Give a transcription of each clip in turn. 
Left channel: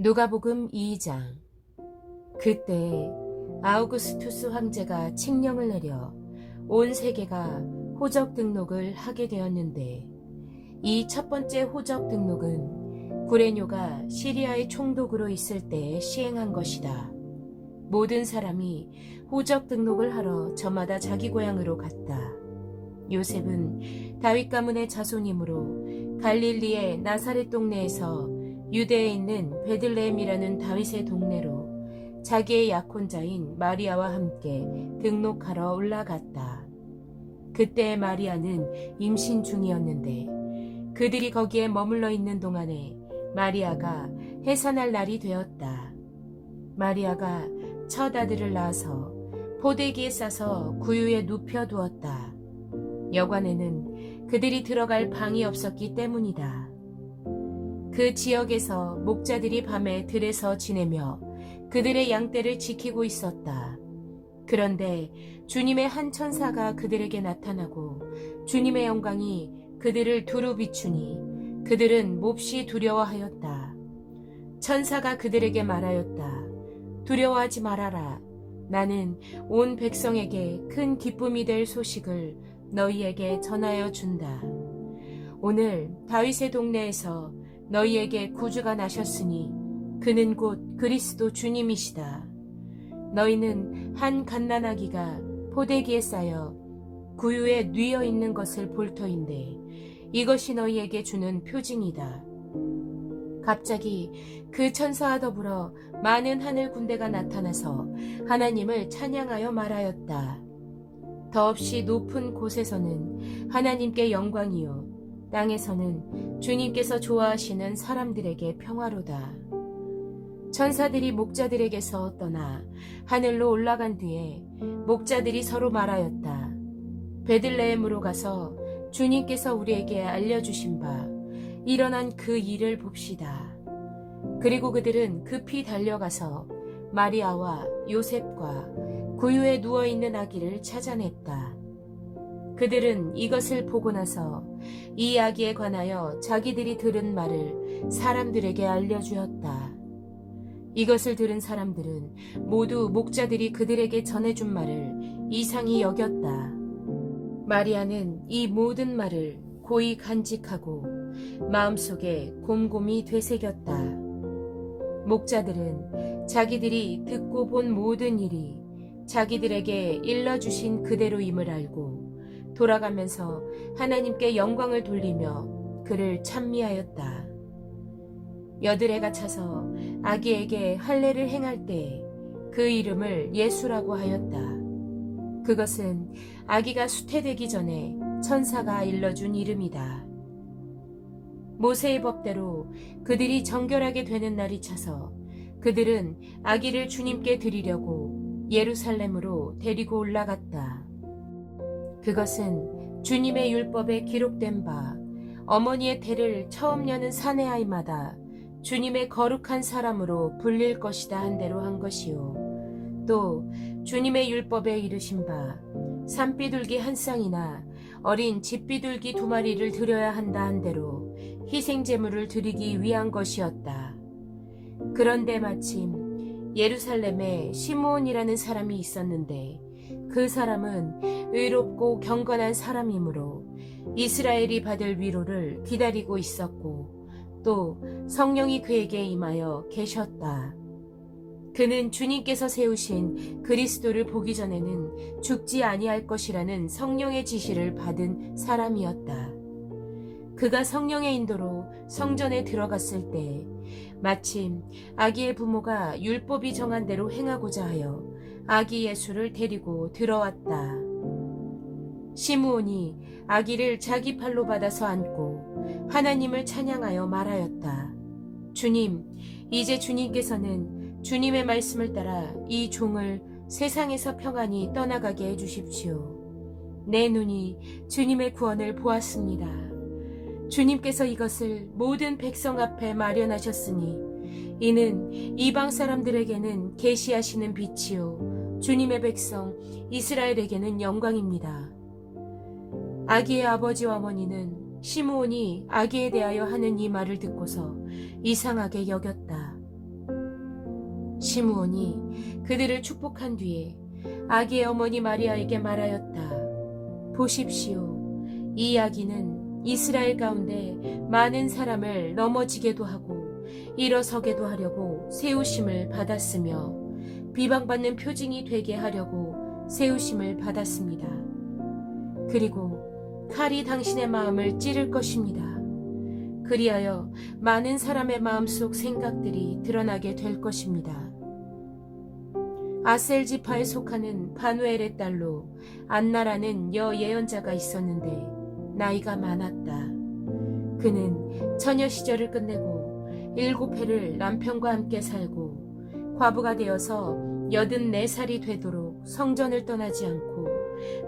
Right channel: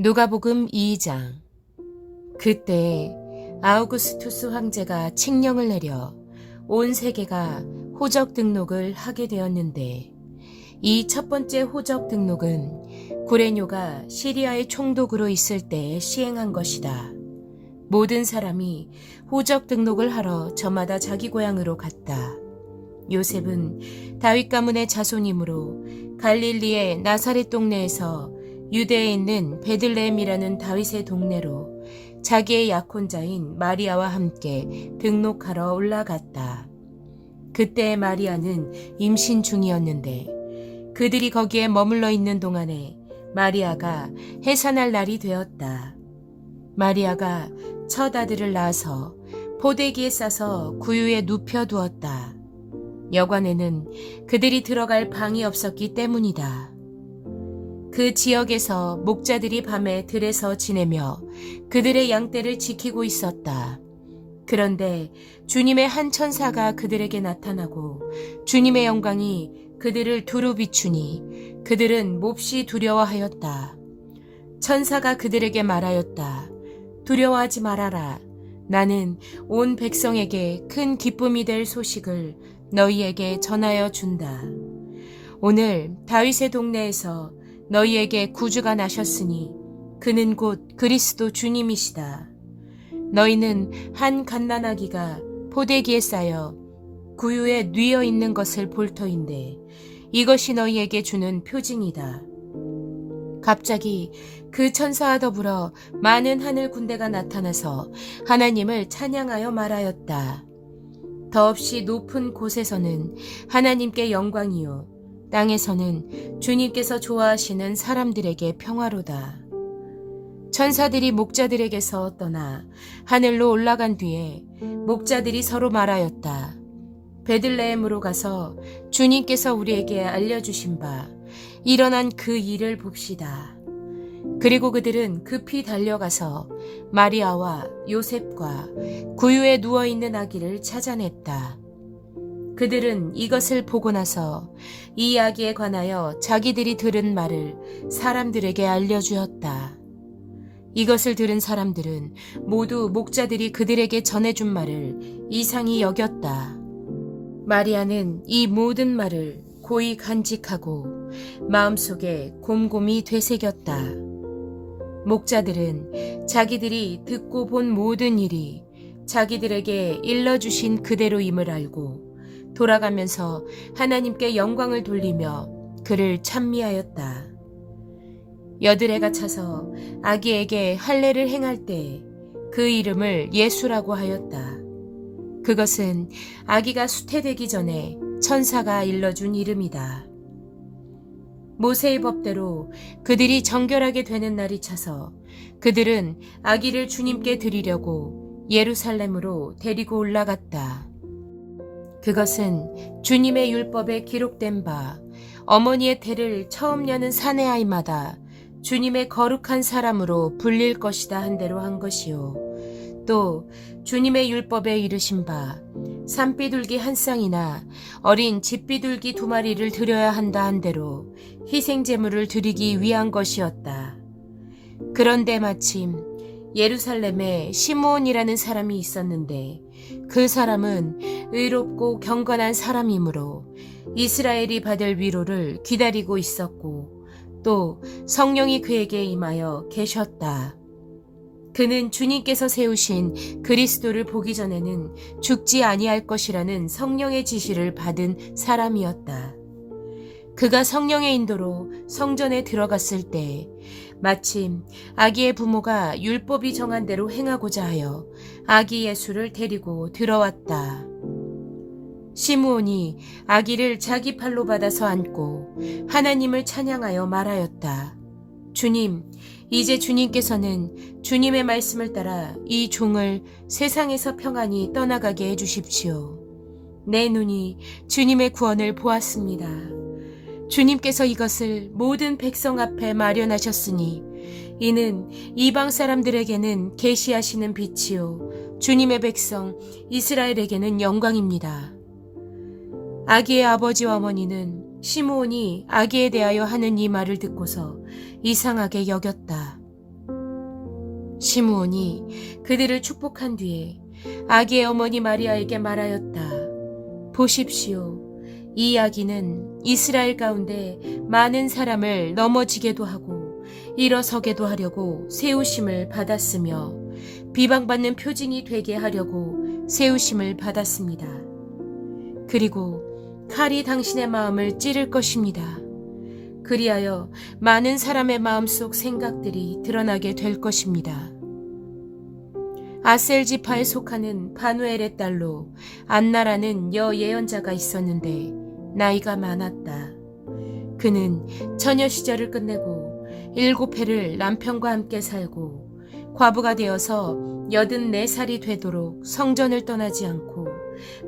누가복음 2장. 그때 아우구스투스 황제가 칙령을 내려 온 세계가 호적 등록을 하게 되었는데, 이 첫 번째 호적 등록은 구레뇨가 시리아의 총독으로 있을 때 시행한 것이다. 모든 사람이 호적 등록을 하러 저마다 자기 고향으로 갔다. 요셉은 다윗 가문의 자손이므로 갈릴리의 나사렛 동네에서 유대에 있는 베들레헴이라는 다윗의 동네로 자기의 약혼자인 마리아와 함께 등록하러 올라갔다. 그때 마리아는 임신 중이었는데, 그들이 거기에 머물러 있는 동안에 마리아가 해산할 날이 되었다. 마리아가 첫 아들을 낳아서 포대기에 싸서 구유에 눕혀 두었다. 여관에는 그들이 들어갈 방이 없었기 때문이다. 그 지역에서 목자들이 밤에 들에서 지내며 그들의 양떼를 지키고 있었다. 그런데 주님의 한 천사가 그들에게 나타나고 주님의 영광이 그들을 두루 비추니 그들은 몹시 두려워하였다. 천사가 그들에게 말하였다. 두려워하지 말아라. 나는 온 백성에게 큰 기쁨이 될 소식을 너희에게 전하여 준다. 오늘 다윗의 동네에서 너희에게 구주가 나셨으니 그는 곧 그리스도 주님이시다. 너희는 한 갓난아기가 포대기에 쌓여 구유에 뉘어 있는 것을 볼 터인데, 이것이 너희에게 주는 표징이다. 갑자기 그 천사와 더불어 많은 하늘 군대가 나타나서 하나님을 찬양하여 말하였다. 더없이 높은 곳에서는 하나님께 영광이요, 땅에서는 주님께서 좋아하시는 사람들에게 평화로다. 천사들이 목자들에게서 떠나 하늘로 올라간 뒤에 목자들이 서로 말하였다. 베들레헴으로 가서 주님께서 우리에게 알려주신 바 일어난 그 일을 봅시다. 그리고 그들은 급히 달려가서 마리아와 요셉과 구유에 누워있는 아기를 찾아냈다. 그들은 이것을 보고 나서 이 아기에 관하여 자기들이 들은 말을 사람들에게 알려주었다. 이것을 들은 사람들은 모두 목자들이 그들에게 전해준 말을 이상히 여겼다. 마리아는 이 모든 말을 고이 간직하고 마음속에 곰곰이 되새겼다. 목자들은 자기들이 듣고 본 모든 일이 자기들에게 일러주신 그대로임을 알고 돌아가면서 하나님께 영광을 돌리며 그를 찬미하였다. 여드레가 차서 아기에게 할례를 행할 때 그 이름을 예수라고 하였다. 그것은 아기가 수태되기 전에 천사가 일러준 이름이다. 모세의 법대로 그들이 정결하게 되는 날이 차서 그들은 아기를 주님께 드리려고 예루살렘으로 데리고 올라갔다. 그것은 주님의 율법에 기록된 바 어머니의 태를 처음 여는 사내 아이마다 주님의 거룩한 사람으로 불릴 것이다 한 대로 한 것이요, 또 주님의 율법에 이르신 바 산비둘기 한 쌍이나 어린 집비둘기 2마리를 드려야 한다 한 대로 희생제물을 드리기 위한 것이었다. 그런데 마침 예루살렘에 시므온이라는 사람이 있었는데, 그 사람은 의롭고 경건한 사람이므로 이스라엘이 받을 위로를 기다리고 있었고, 또 성령이 그에게 임하여 계셨다. 그는 주님께서 세우신 그리스도를 보기 전에는 죽지 아니할 것이라는 성령의 지시를 받은 사람이었다. 그가 성령의 인도로 성전에 들어갔을 때 마침 아기의 부모가 율법이 정한 대로 행하고자 하여 아기 예수를 데리고 들어왔다. 시므온이 아기를 자기 팔로 받아서 안고 하나님을 찬양하여 말하였다. 주님, 이제 주님께서는 주님의 말씀을 따라 이 종을 세상에서 평안히 떠나가게 해주십시오. 내 눈이 주님의 구원을 보았습니다. 주님께서 이것을 모든 백성 앞에 마련하셨으니 이는 이방 사람들에게는 계시하시는 빛이요, 주님의 백성 이스라엘에게는 영광입니다. 아기의 아버지와 어머니는 시므온이 아기에 대하여 하는 이 말을 듣고서 이상하게 여겼다. 시므온이 그들을 축복한 뒤에 아기의 어머니 마리아에게 말하였다. 보십시오. 이 아기는 이스라엘 가운데 많은 사람을 넘어지게도 하고 일어서게도 하려고 세우심을 받았으며 비방받는 표징이 되게 하려고 세우심을 받았습니다. 그리고 칼이 당신의 마음을 찌를 것입니다. 그리하여 많은 사람의 마음속 생각들이 드러나게 될 것입니다. 아셀 지파에 속하는 바누엘의 딸로 안나라는 여예언자가 있었는데 나이가 많았다. 그는 처녀 시절을 끝내고 7해를 남편과 함께 살고 과부가 되어서 84살이 되도록 성전을 떠나지 않고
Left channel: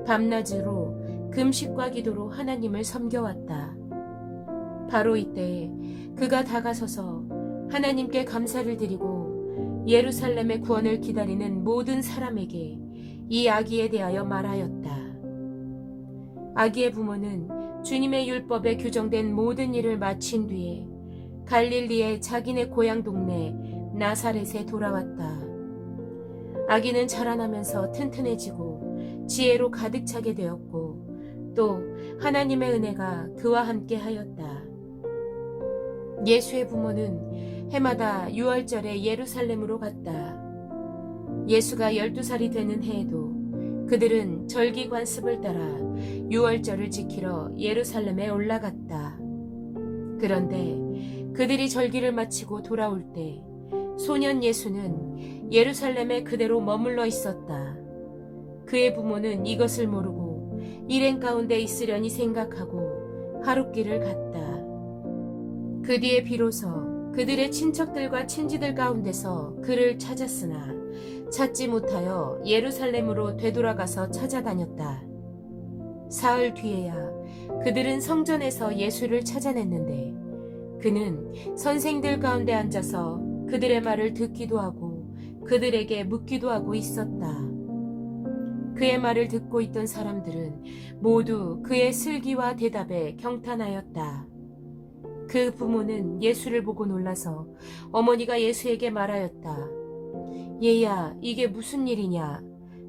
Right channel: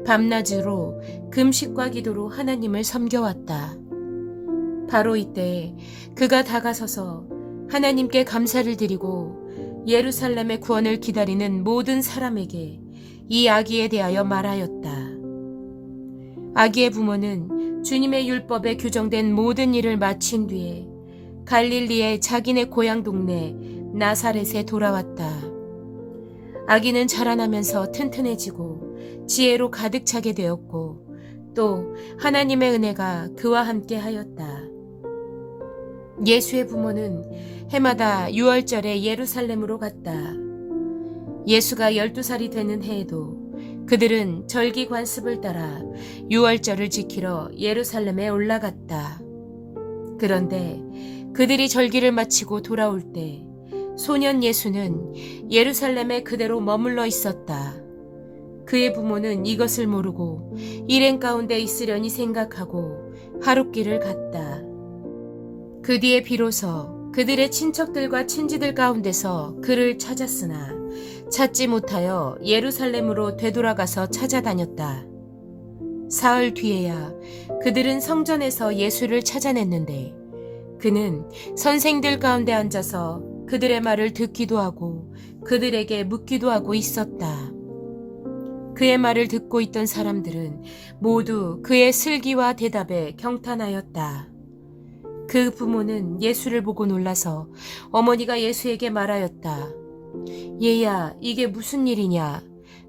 밤낮으로 금식과 기도로 하나님을 섬겨왔다. 바로 이때 그가 다가서서 하나님께 감사를 드리고 예루살렘의 구원을 기다리는 모든 사람에게 이 아기에 대하여 말하였다. 아기의 부모는 주님의 율법에 규정된 모든 일을 마친 뒤에 갈릴리의 자기네 고향 동네 나사렛에 돌아왔다. 아기는 자라나면서 튼튼해지고 지혜로 가득 차게 되었고 또 하나님의 은혜가 그와 함께 하였다. 예수의 부모는 해마다 유월절에 예루살렘으로 갔다. 예수가 12살이 되는 해에도 그들은 절기 관습을 따라 유월절을 지키러 예루살렘에 올라갔다. 그런데 그들이 절기를 마치고 돌아올 때 소년 예수는 예루살렘에 그대로 머물러 있었다. 그의 부모는 이것을 모르고 일행 가운데 있으려니 생각하고 하룻길을 갔다. 그 뒤에 비로소 그들의 친척들과 친지들 가운데서 그를 찾았으나 찾지 못하여 예루살렘으로 되돌아가서 찾아다녔다. 사흘 뒤에야 그들은 성전에서 예수를 찾아냈는데 그는 선생들 가운데 앉아서 그들의 말을 듣기도 하고 그들에게 묻기도 하고 있었다. 그의 말을 듣고 있던 사람들은 모두 그의 슬기와 대답에 경탄하였다. 그 부모는 예수를 보고 놀라서 어머니가 예수에게 말하였다. 얘야, 이게 무슨 일이냐?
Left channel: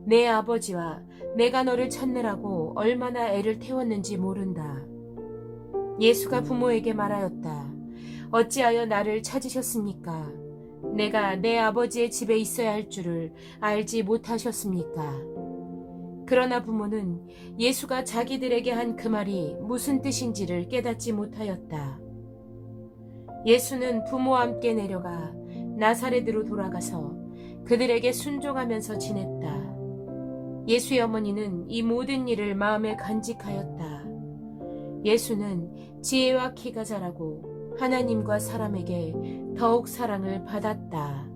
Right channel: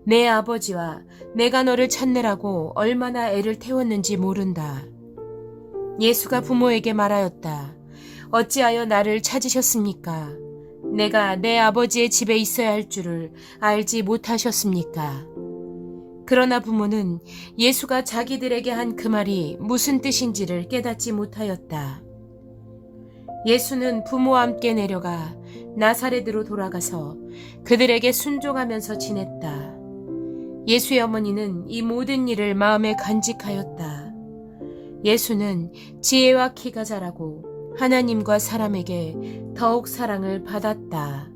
내 아버지와 내가 너를 찾느라고 얼마나 애를 태웠는지 모른다. 예수가 부모에게 말하였다. 어찌하여 나를 찾으셨습니까? 내가 내 아버지의 집에 있어야 할 줄을 알지 못하셨습니까? 그러나 부모는 예수가 자기들에게 한 그 말이 무슨 뜻인지를 깨닫지 못하였다. 예수는 부모와 함께 내려가 나사렛으로 돌아가서 그들에게 순종하면서 지냈다. 예수의 어머니는 이 모든 일을 마음에 간직하였다. 예수는 지혜와 키가 자라고 하나님과 사람에게 더욱 사랑을 받았다.